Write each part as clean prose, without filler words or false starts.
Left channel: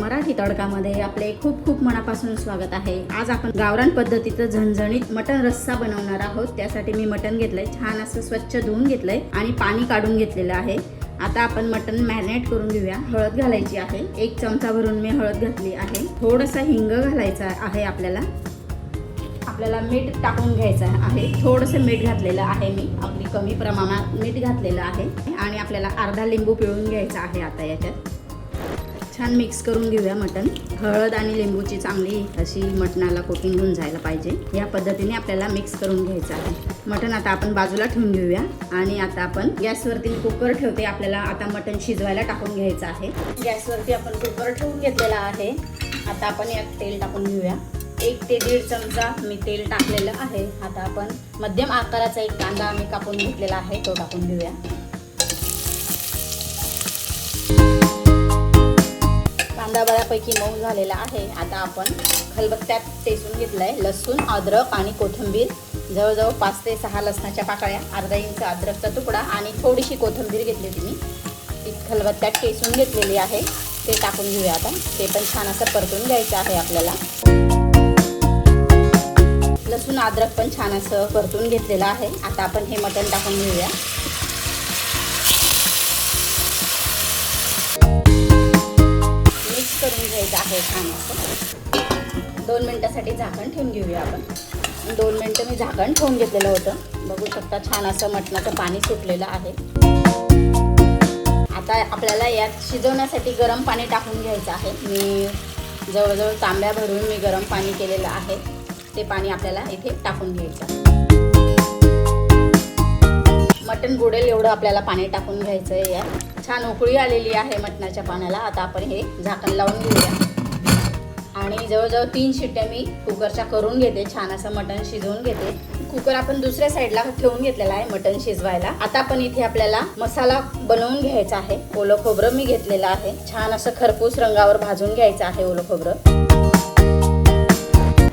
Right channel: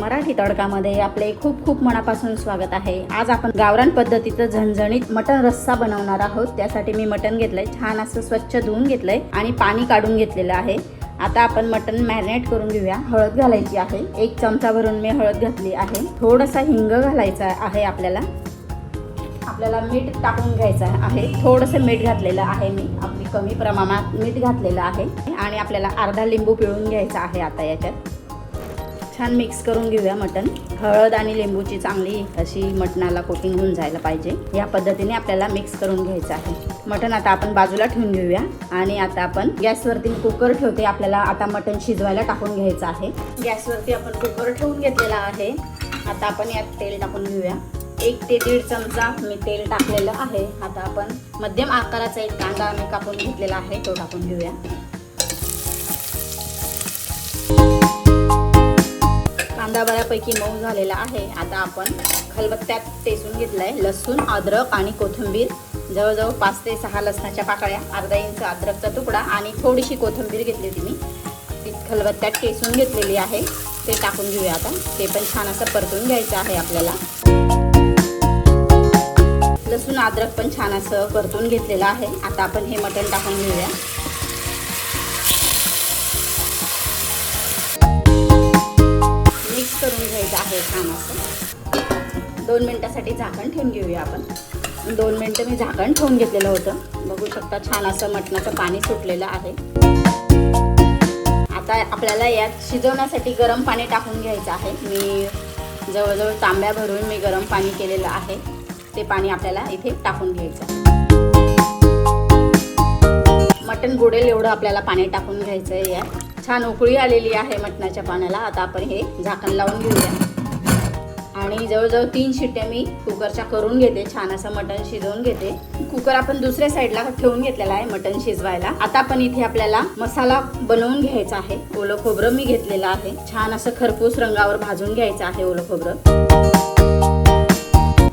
मराठी तडकामध्ये आपले खूप खूप मनापासून स्वागत आहे। आज आपण गावरान पद्धतीचं झणझणीत मटण रस्सा बनवणार आहोत। त्यासाठी मी मटण घेतलंय, छान असं स्वच्छ धुवून घेतलंय आणि पाणी काढून घेतलेलं आहे। आता आपण मटण मॅरिनेट करून घेऊया। हळद घालायची आहे, 1 चमचा भरून मी हळद घातली आहे। थोडासा हिंग घालायचा आहे आपल्याला मीठ टाकून घ्यायचं आहे। थोडंसं मीठ घातलेलं आहे मी, आपली कमी प्रमाणात मीठ घातलेलं आहे आणि आपल्याला अर्धा लिंबू पिळून घ्यायचा आहे। आता याच्यात छान मिक्स करून घेऊया मटण। हळद आणि लिंबूची चांगली अशी मटणाला कोटिंग होऊन जायला पाहिजे, या पद्धतीने आपल्याला मिक्स करून घ्यायचं आहे। मटण आता आपण बाजूला ठेवून घेऊया आणि आता आपण गॅसवरती कुकर ठेवते। आपल्याला आता मटण शिजवायला टाकून घ्यायचं आहे। गॅसवरती आपण कुकर ठेवून घेतलेला आहे। आता आपण यात तेल टाकून घेऊया। 1 ते 1.5 चमचा मी तेल टाकलेलं आहे। आता आपण मध्यम आकाराचा एक कांदा आम्ही कापून घेतलेला आहे, तो टाकून घेऊया। कांदा बऱ्यापैकी मऊ झालेला आहे। आता आपण खलबत्त्यात टेचून घेतलाय लसूण, अद्रक आणि कोथिंबीर, जवळजवळ 5 ते 6 लसणाच्या पाकळ्या, अर्धा इंच अद्रकचा तुकडा आणि थोडीशी कोथिंबीर घेतली होती मी, खलबत्त्यात टेचून घेतलेली आहे। ते टाकून घेऊया आपण। ते पण छान असं परतून घ्यायचं आहे आपल्याला। लसूण अद्रक पण छान असं परतून घेतलेलं आहे। आता आपण हे मटण टाकून घेऊया। मिक्स करून घ्यायचं आहे छान असं। 2 मिनिटासाठी झाकण ठेवून घेऊया आपण। 2 मिनिटं मी झाकण ठेवून घेतलेलं होतं। बघू शकता छान असं मटणाचं पाणी सुटलेलं आहे। आता आपल्याला यात शिजवण्यासाठी गरम पाणी टाकून घ्यायचं आहे। मी जवळजवळ तांब्या भरून मी गरम पाणी केलेलं आहे। ते पाणी आपल्याला इथे टाकून घ्यायचं। मटण बुडेल एवढं आपल्याला पाणी टाकून घ्यायचं आहे। छान उकळी आलेली आहे मटणाच्या पाण्याला। आता आपण हे झाकण लावून घेऊया आणि जवळजवळ 3 शिट्ट्या मी कुकरच्या करून घेते। छान असं मटण शिजवून घेते। कुकर आपण दुसऱ्या साईडला ठेवून घेतलेला आहे मटण शिजवायला। आता आपण इथे आपल्याला मसाला बनवून घ्यायचा आहे। ओलं खोबरं मी घेतलेलं आहे, छान असं खरपूस रंगावर भाजून घ्यायचं आहे ओलं खोबरं।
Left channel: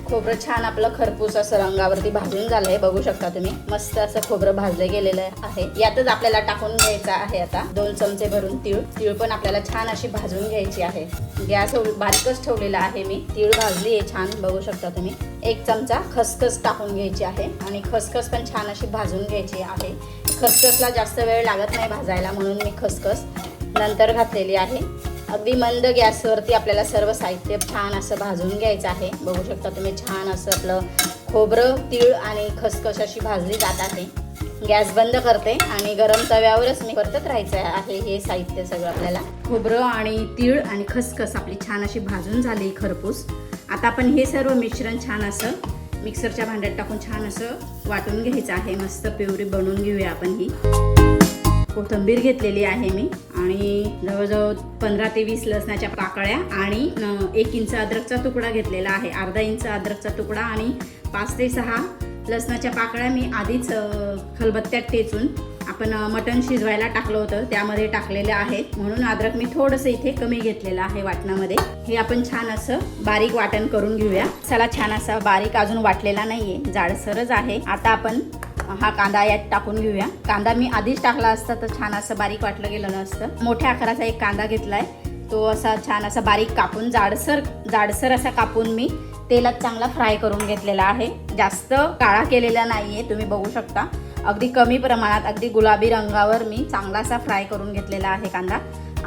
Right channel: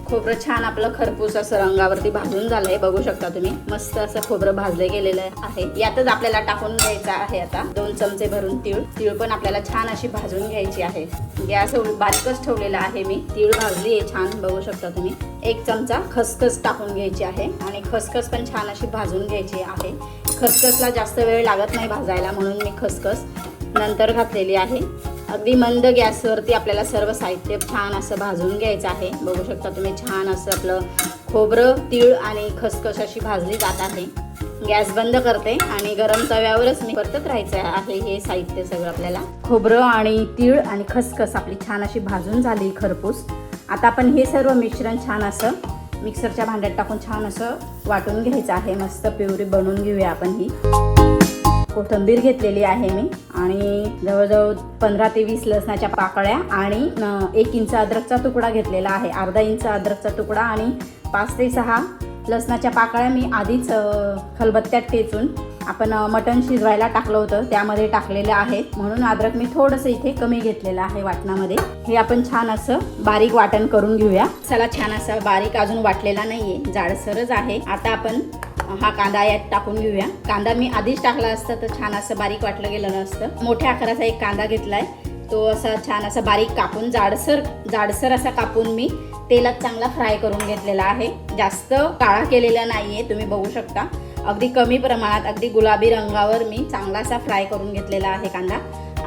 खोबरं छान आपलं खरपूस असं रंगावरती भाजून झालंय, बघू शकता तुम्ही। मस्त असं खोबरं भाजलं गेलेलं आहे। यातच आपल्याला टाकून घ्यायचं आहे आता 2 चमचे भरून तीळ पण आपल्याला छान अशी भाजून घ्यायची आहे। गॅस बारीकच ठेवलेला आहे मी। तीळ भाजली आहे छान, बघू शकता तुम्ही। 1 चमचा खसखस टाकून घ्यायची आहे आणि खसखस पण छान अशी भाजून घ्यायची आहे। खसखसला जास्त वेळ लागत नाही भाजायला, म्हणून मी खसखस नंतर घातलेली आहे। अगदी मंद गॅसवरती आपल्याला सर्व साहित्य छान असं भाजून घ्यायचं आहे। बघू शकता तुम्ही छान असं आपलं खोबरं, तीळ आणि खसखस अशी भाजली जात आहे। गॅस बंद करते आणि गरम तव्यावरच मी परतत राहायचं आहे हे साहित्य सगळं आपल्याला। खोबरं आणि तीळ आणि खसखस आपली छान अशी भाजून झाली खरपूस। आता आपण हे सर्व मिश्रण छान असं मिक्सरच्या भांड्यात टाकून छान असं वाटून घ्यायचं आहे। मस्त प्युरी बनवून घेऊया आपण ही। कोथिंबीर घेतलेली आहे मी आणि जवळजवळ 15 ते 20 लसणाच्या पाकळ्या आणि 1 इंच अद्रकचा तुकडा घेतलेला आहे। अर्धा इंच अद्रकचा तुकडा आणि 5 ते 6 लसणाच्या पाकळ्या मी आधीच खलबत्त्यात टेचून आपण मटण शिजवायला टाकलं होतं त्यामध्ये टाकलेले आहे, म्हणून अद्रक मी थोडंसं इथे कमी घेतलेलं आहे वाटणामध्ये। हे आपण छान असं बारीक वाटण करून घेऊया। चला, छान असं बारीक अजून वाटलेला नाहीये, जाडसरच आहे। आता आपण हा कांदा यात टाकून घेऊया। कांदा मी आधीच टाकला असता तर छान असं बारीक वाटलं गेलं नसतं। मोठ्या आकाराचा एक कांदा घेतलाय, तो असा छान असा बारीक कापून जाडसर असा कापून मी तेलात चांगला फ्राय करून घेतलेला आहे। जास्त काळा केलेला नाहीये, तुम्ही बघू शकता। अगदी कमी प्रमाणात, अगदी गुलाबी रंगावर मी चांगला असा फ्राय करून घेतलेला आहे कांदा।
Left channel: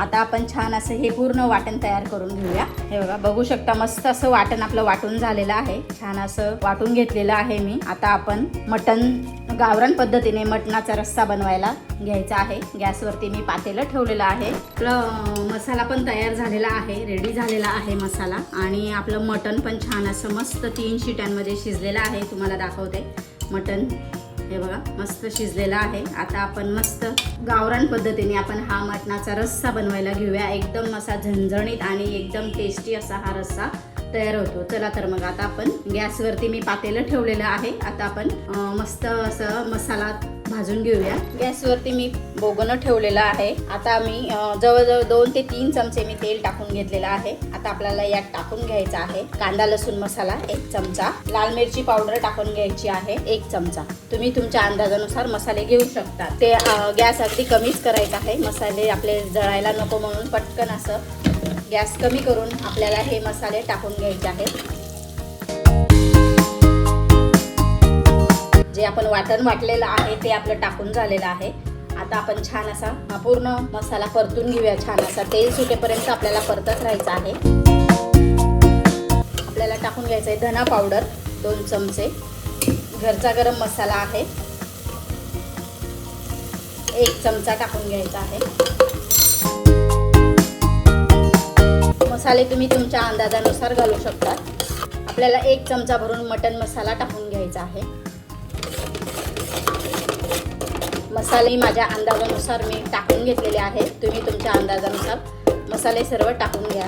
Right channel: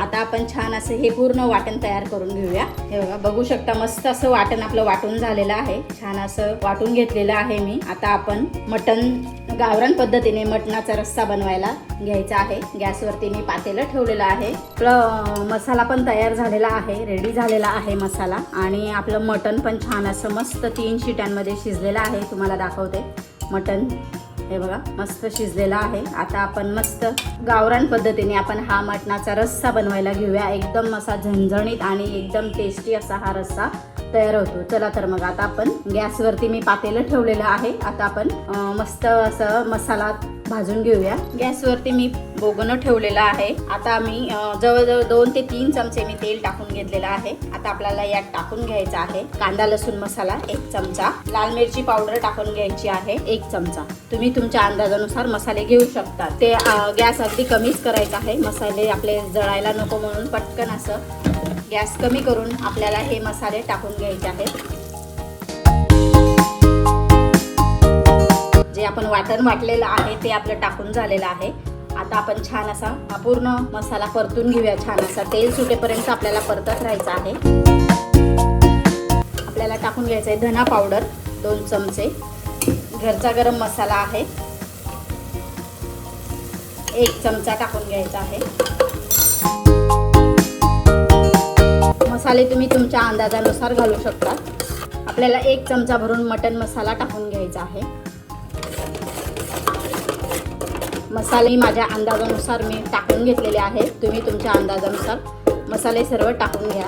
आता आपण छान असं हे पूर्ण वाटण तयार करून घेऊया। हे बघा, बघू शकता मस्त असं वाटण आपलं वाटून झालेलं आहे। छान असं वाटून घेतलेलं आहे मी। आता आपण मटण गावरान पद्धतीने मटणाचा रस्सा बनवायला घ्यायचा आहे। गॅसवरती मी पातेलं ठेवलेलं आहे। आपलं मसाला पण तयार झालेला आहे, रेडी झालेला आहे मसाला। आणि आपलं मटण पण छान असं मस्त 3 शिट्यांमध्ये शिजलेलं आहे। तुम्हाला दाखवते मटण, हे बघा मस्त शिजलेला आहे। आता आपण मस्त गावरान पद्धतीने आपण हा मटणाचा रस्सा बनवायला घेऊया। एकदम असा झणझणीत आणि एकदम टेस्टी असा हा रस्सा तयार होतो। चला तर मग आता आपण गॅसवरती मी पातेलं ठेवलेलं आहे। आता आपण मस्त असं मसाला भाजून घेऊया। गॅसवरती मी बोगणं ठेवलेलं आहे। आता मी जवळजवळ 2 ते 3 चमचे मी तेल टाकून घेतलेलं आहे। आता आपल्याला यात टाकून घ्यायचं आहे कांदा लसूण मसाला 1 चमचा, लाल मिरची पावडर टाकून घ्यायची आहे 1 चमचा। तुम्ही तुमच्या अंदाजानुसार मसाले घेऊ शकता। ते गॅस अगदी कमीच करायचा आहे, मसाले आपले जळायला नको म्हणून पटकन असं गॅस कमी करून आपल्याला हे मसाले टाकून घ्यायचे आहेत. जे आपण वाटण वाटलेलं आहे ते आपलं टाकून झालेलं आहे. आता आपण छान असा पूर्ण मसाला परतून घेऊया. छान असा तेल सुटेपर्यंत आपल्याला परतत राहायचं आहे. आपल्याला टाकून घ्यायचं आहे धना पावडर 2 चमचे, घरचा गरम मसाला आहे 1 चमचा टाकून घ्यायचा आहे. मसाले तुम्ही तुमच्या अंदाजानुसार घालू शकता. आपल्याला 1 चमचा भरून मटण मसाला टाकून घ्यायचा आहे. मसाले माझ्या अंदाजानुसार मी टाकून घेतलेले आहेत. तुम्ही तुमच्या अंदाजानुसार मसाले सर्व टाकून घ्या.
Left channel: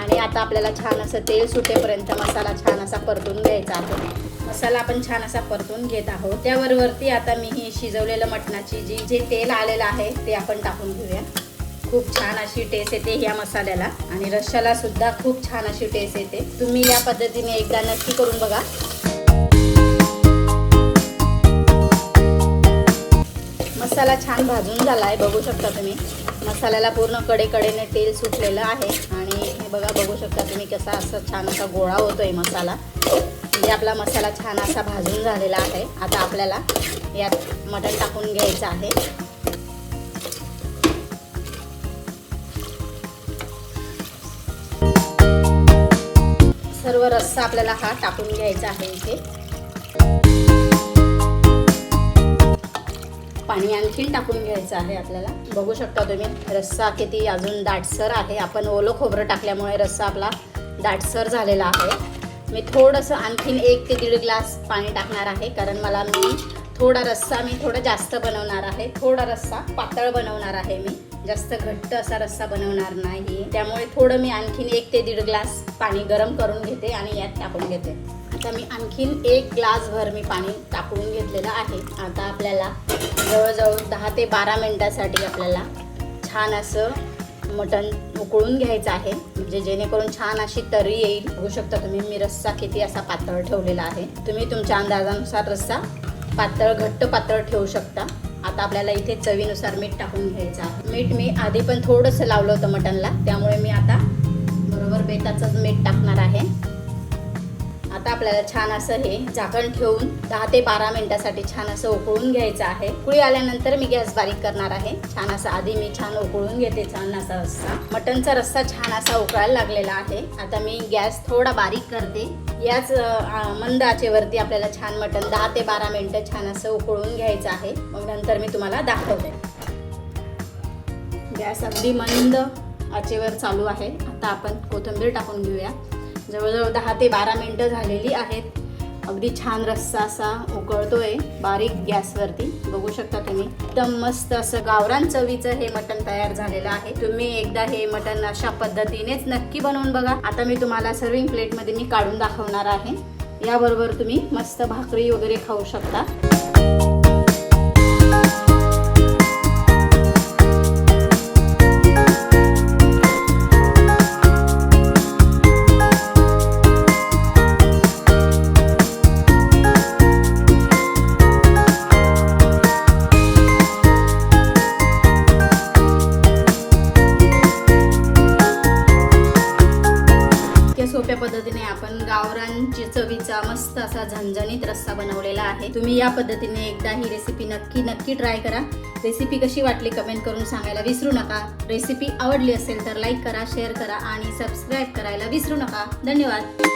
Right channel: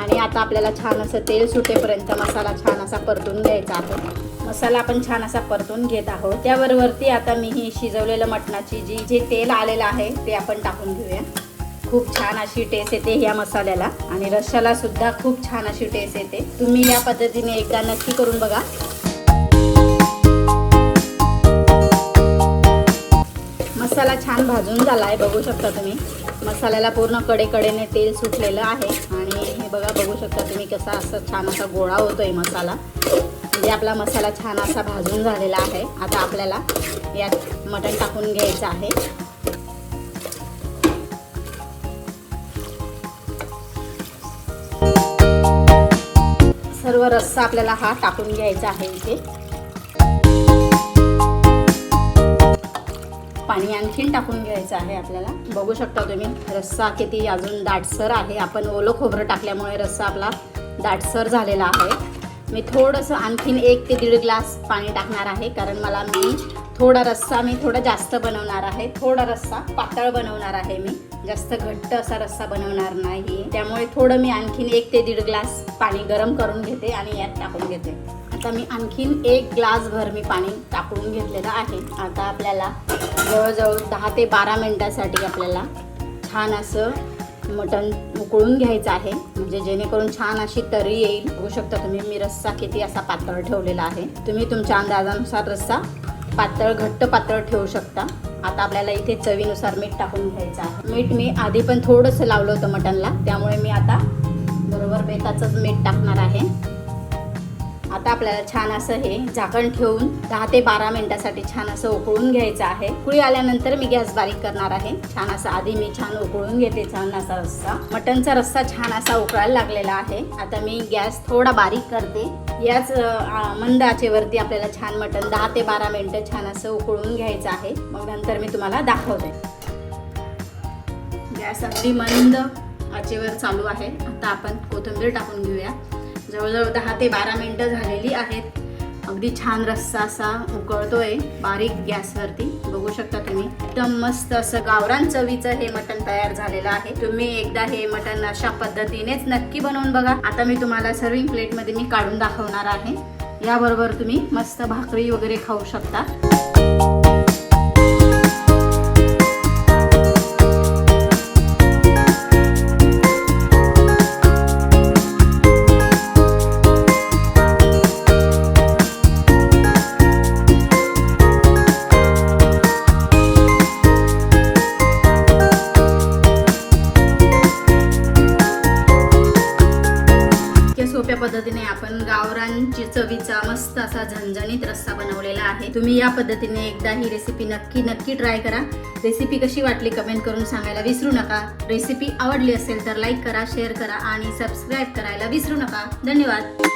आणि आता आपल्याला छान असं तेल सुटेपर्यंत मसाला छान असा परतून घ्यायचा आहे. मसाला आपण छान असा परतून घेत आहोत. त्यावरती आता मी ही शिजवलेलं मटणाची जे तेल आलेलं आहे ते आपण टाकून घेऊया. खूप छान अशी टेस्ट येते या मसाल्याला आणि रश्श्याला सुद्धा खूप छान अशी टेस्ट येते. तुम्ही या पद्धतीने एकदा नक्की करून बघा. मसाला छान भाजून झाला आहे, बघू शकता तुम्ही. मसाल्याला पूर्ण कडेकडेने तेल सुटलेलं आहे आणि हे बघू शकता तुम्ही कसा असं छान असा गोळा होतोय मसाला. म्हणजे आपला मसाला छान असा भाजून झालेला आहे. आता आपल्याला यात मटण टाकून घ्यायचं आहे. सर्व रस्सा आपल्याला हा टाकून घ्यायचा आहे. इथे पाणी आणखीन टाकून घ्यायचं आहे आपल्याला. बघू शकता तुम्ही रस्सा किती अजून दाटसर आहे. आपण ओलं खोबरं टाकल्यामुळे रस्सा आपला दाटसर झालेला आहे. मी थोडंसं आणखीन 1 ते 1.5 ग्लास पाणी टाकणार आहे, कारण मला थोडा रस्सा थोडा जास्त बनवणार आहे. थोडा रस्सा पातळ बनवणार आहे. मी जास्त घट्ट असा रस्सा बनवणार नाही, त्यामुळे थोडं मी आणखीन 1 ते 1.5 ग्लास पाणी गरम करून घेते आणि यात टाकून घेते. आता मी आणखीन 1 ग्लास भर मी पाणी टाकून घेतलेलं आहे. आता आपल्याला जवळजवळ 10 ते 12 मिनिटासाठी आपल्याला छान असं मटण उकळून घ्यायचं आहे, म्हणजे जेणेकरून छान अशी तरी येईल. होऊ शकता तुम्ही मी रस्सा किती असा पातळ ठेवलेला आहे. तुम्ही तुमच्या अंदाजानुसार रस्सा घट्ट पातळ ठेवू शकता. आता आपल्याला इथे चवीनुसार मीठ टाकून घ्यायचं आहे. मीठ मी आधी पण थोडंसं लावलं होतं मटणला, त्यामुळे मी आता बरोबर बेताचंच मीठ टाकणार आहे. आता आपल्याला छान असं हे झाकण ठेवून 10 ते 12 मिनिटासाठी छान असं उकळून घ्यायचं आहे. उकळी आल्यानंतर मी गॅस बारीक करणार आहे. छान असा आधी मी छान उकळून घेते छान असा रस्सा. मटणचा रस्सा छान असा उकळायला लागलेला आहे. आता मी गॅस थोडा बारीक करते. याच मंद आचेवरती आपल्याला छान मटण 10 ते 12 मिनिटं छान असं उकळून घ्यायचं आहे. मग नंतर मी तुम्हाला दाखवते. गॅस अगदी मंद आचेवर चालू आहे. आता आपण कोथिंबीर टाकून घेऊया. जवळजवळ 10 ते 12 मिनिटं झालेली आहेत. अगदी छान रस्सा असा उकळतोय बारीक गॅसवरती. बघू शकता तुम्ही एकदम मस्त असं गावरान चवीचं हे मटण तयार झालेलं आहे. तुम्ही एकदा हे मटण अशा पद्धतीनेच नक्की बनवून बघा. आता मी तुम्हाला सर्विंग प्लेटमध्ये मी काढून दाखवणार आहे. याबरोबर तुम्ही मस्त भाकरी वगैरे खाऊ शकता. सोप्या पद्धतीने आपण गावरानची चवीचा मस्त असा झणझणीत रस्सा बनवलेला आहे. तुम्ही या पद्धतीने एकदा ही रेसिपी नक्की ट्राय करा. रेसिपी कशी वाटली कमेंट करून सांगायला विसरू नका. रेसिपी आवडली असेल तर लाईक करा, शेअर करा आणि सबस्क्राईब करायला विसरू नका. धन्यवाद.